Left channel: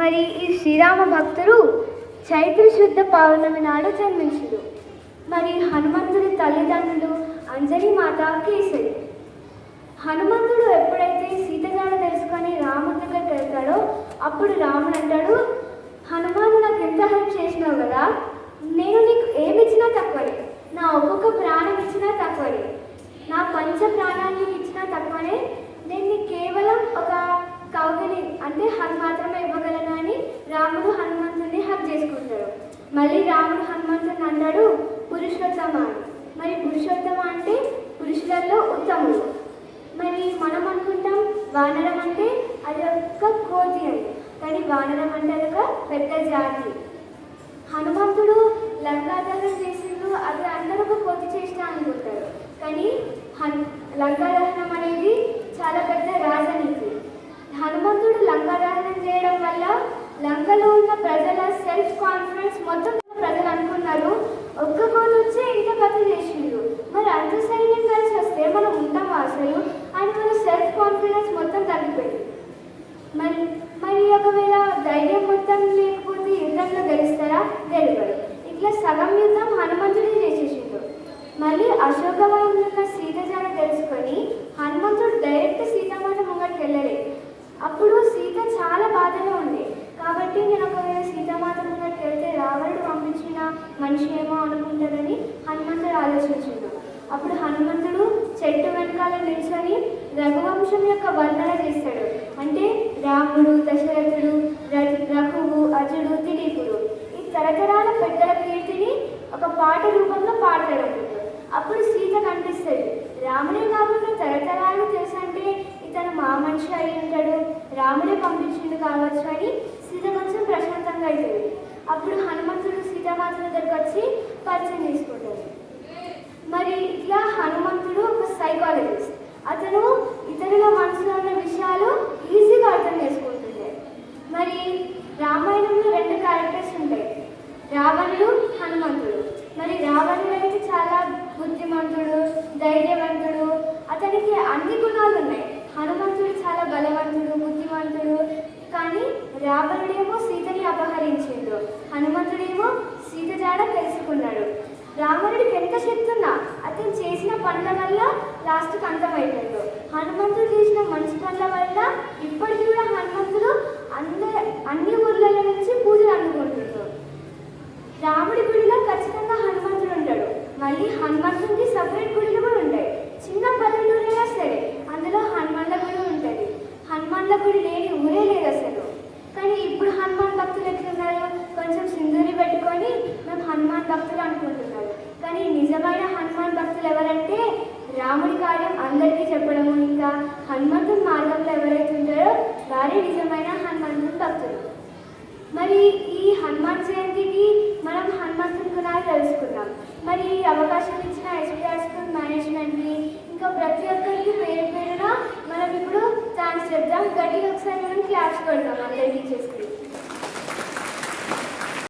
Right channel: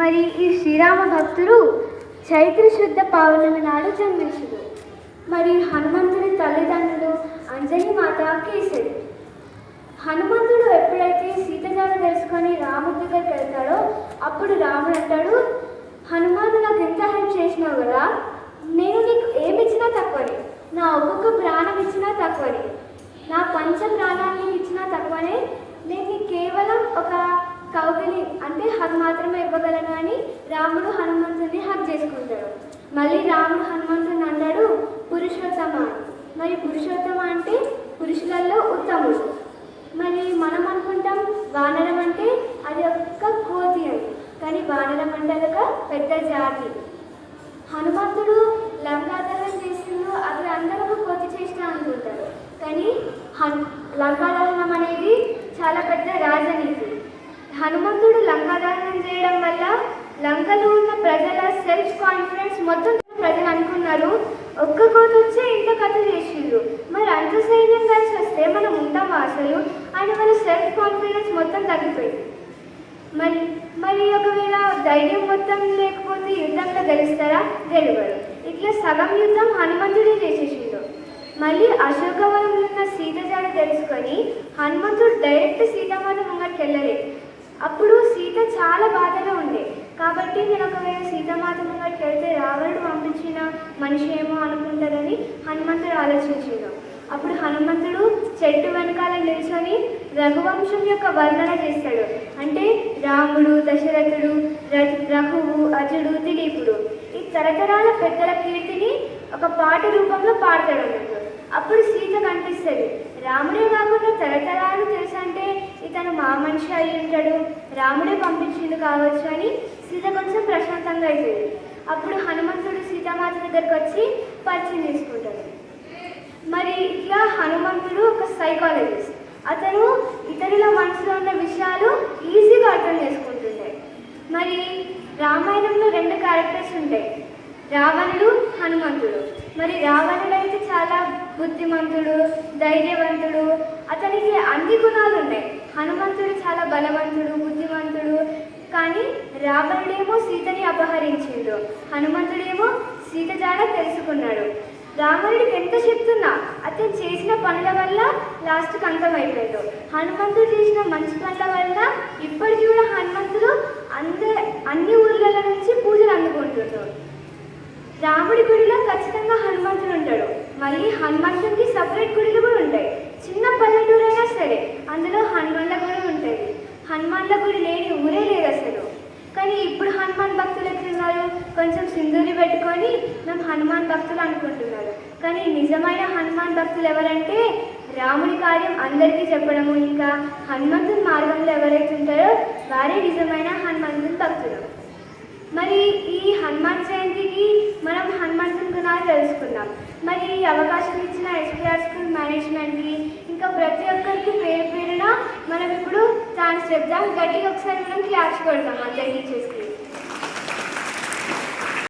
మరి ఈ శ్రీరామ భక్తుడు చైత్ర శుద్ధ పౌర్ణమి నాడు జన్మించుడు. మరి హనుమంతుడి తల్లిదండ్రులు అంజలి మాత కేసరి. హనుమంతుడు ఎప్పుడైతే సీతజాడ తెలుసుకొని రాముడి దగ్గరికి వెళ్తాడో అప్పుడు రాముడు అంటాడు, హనుమాను నాకు ఎంత హెల్ప్ చేసినావు కదా, నేను నీకు ఏమి ఇచ్చినా తక్కువనే, నా ఒక్కొక్క ప్రాణం ఇచ్చినా తక్కువనే, నా పంచ ప్రాణాన్ని ఇచ్చినా తక్కువనే, నేను నీకు కేవలం ఒక కౌగిలి అంటే హగ్ మాత్రమే ఇవ్వగలను. కానీ రాముడు హనుమంతుడిని హగ్ చేసుకుంటాడు. మళ్ళీ రాముడు హనుమంతుడిని అంటాడు పురుషోత్తమ. మరి పురుషోత్తమ అంటే పురుషులలో ఉత్తముడు. మరి మనం అనుకుంటాం వానరం అంటే అది ఒక కోతి అని, కానీ వానరం అంటే ఒక పెద్ద జాతి. హనుమంతుడు లంకాదహనం చేసిండు, అది అందరూ కోతి చేసిన అనుకుంటారు, కానీ లంకాదహనం అనేది చాలా పెద్ద రాజనీతి. హనుమంతుడు లంకాదహనం చేయడం వల్ల లంకలో ఉన్న ప్రజల సెల్ఫ్ కాన్ఫిడెన్స్ మొత్తం ప్రజలు అనుకున్నారు ఒక్క కోతి వచ్చే ఇంత కథ చేసిండ్రు, మరి అంత సైన్యం కలిసి వస్తే మనం ఉంటామా అసలు అని వాళ్ళ సెల్ఫ్ కాన్ఫిడెన్స్ మొత్తం తగ్గిపోయింది. మరి మరి ఒకవేళ ధైర్యం మొత్తం లేకపోతే యుద్ధంలో గెలుస్తారా? గెలవరు. ఇట్లా సగం యుద్ధం హనుమంతుడే చేసేసిండు. మళ్ళీ అశోకవనంలో ఉన్న సీత జాడ తెలుసుకొని హనుమంతుడు డైరెక్ట్ సీతమ్మని ముంగడికి వెళ్ళలేదు. అప్పుడు సీత చాలా బాధలో ఉండే, కాబట్టి నేను ఒకవేళ సీతామాత ముంగడికి వెళ్తే రావణుడు పంపించిన మనిషి ఏమో అనుకుంటారని హనుమంతుడు ఆలోచించాడు. అప్పుడు హనుమంతుడు చెట్టు వెనకాల నిల్చొని రఘువంశం యొక్క వర్ణన చేస్తాడు. అంటే రాముడు, దశరథుడు, రఘువు, అజుడు, దిలీపుడు ఈ తరతరాల పెద్దల కీర్తిని ఒక పాట రూపంలో పాడతాడు. అప్పుడు సీత కనిపిస్తుంది. రాముడే కాకుండా తరతరాలు తెలుసంటే ఇతను మా మనిషి అయి ఉంటాడు, రాముడే పంపించిండు కావచ్చు అని సీత కొంచెం ప్రశాంతంగా అవుతుంది. అప్పుడు హనుమంతుడు సీతామాత దగ్గరకు వచ్చి పరిచయం చేసుకుంటాడు. మరి ఇట్లా హనుమంతుడు ఒక సైకాలజిస్ట్. అతను ఇతరుల మనసులో ఉన్న విషయాలు ఈజీగా అర్థం చేసుకుంటుండే. మరి రామాయణంలో 2 క్యారెక్టర్స్ ఉంటాయి, రావణుడు, హనుమంతుడు. మరి రావణుడు అయితే చాలా బుద్ధిమంతుడు, ధైర్యవంతుడు, అతనికి అన్ని గుణాలు ఉన్నాయి. హనుమంతుడు చాలా బలవంతుడు, బుద్ధిమంతుడు. కానీ రావణుడేమో సీతని అపహరించిండు, హనుమంతుడేమో సీత జాడ తెలుసుకున్నాడు. రావణుడికి ఎంత చెప్తున్నా అతను చేసిన పనుల వల్ల లాస్ట్కి అంతమైపోయాడు. హనుమంతుడు చేసిన మంచి పనుల వల్ల ఇప్పటికీ కూడా హనుమంతుడు అన్ని ఊర్ల నుంచి పూజలు అందుకుంటున్నాడు. రాముడి గుడిలో ఖచ్చితంగా హనుమంతుడు ఉంటాడు. మళ్ళీ హనుమంతుడికి సపరేట్ గుడిలు కూడా ఉంటాయి. చిన్న పల్లెటూరు అయినా సరే అందులో హనుమాన్ల గుడి ఉంటుంది. హనుమాన్ల గుడి లేని ఊరే లేదు అసలు. కానీ ఇప్పుడు హనుమాన్ భక్తులు ఎట్లున్నారు, కొంచెం సింధూరి పెట్టుకొని మేము హనుమాన్ భక్తులు అనుకుంటున్నారు. కానీ నిజమైన హనుమాన్ భక్తులు ఎవరంటే రాముడి కార్యం అందరికీ చెప్పడము, ఇంకా హనుమంతుని మార్గంలో ఎవరైతే ఉంటారో వారే నిజమైన హనుమంతుని భక్తులు. మరి ఈ హనుమాన్ జయంతికి మనం హనుమంతుని గుణాలు తెలుసుకున్నాం. మరి ఈ అవకాశం ఇచ్చిన ఎస్పీఆర్ స్కూల్ మేనేజ్మెంట్కి ఇంకా ప్రతి ఒక్కరికి పేరు పేరున మనం ఇప్పుడు థాంక్స్ చెప్తాం. గట్టిగా ఒకసారి మనం క్లాప్స్ కొడతాం అందరికీ చేసి.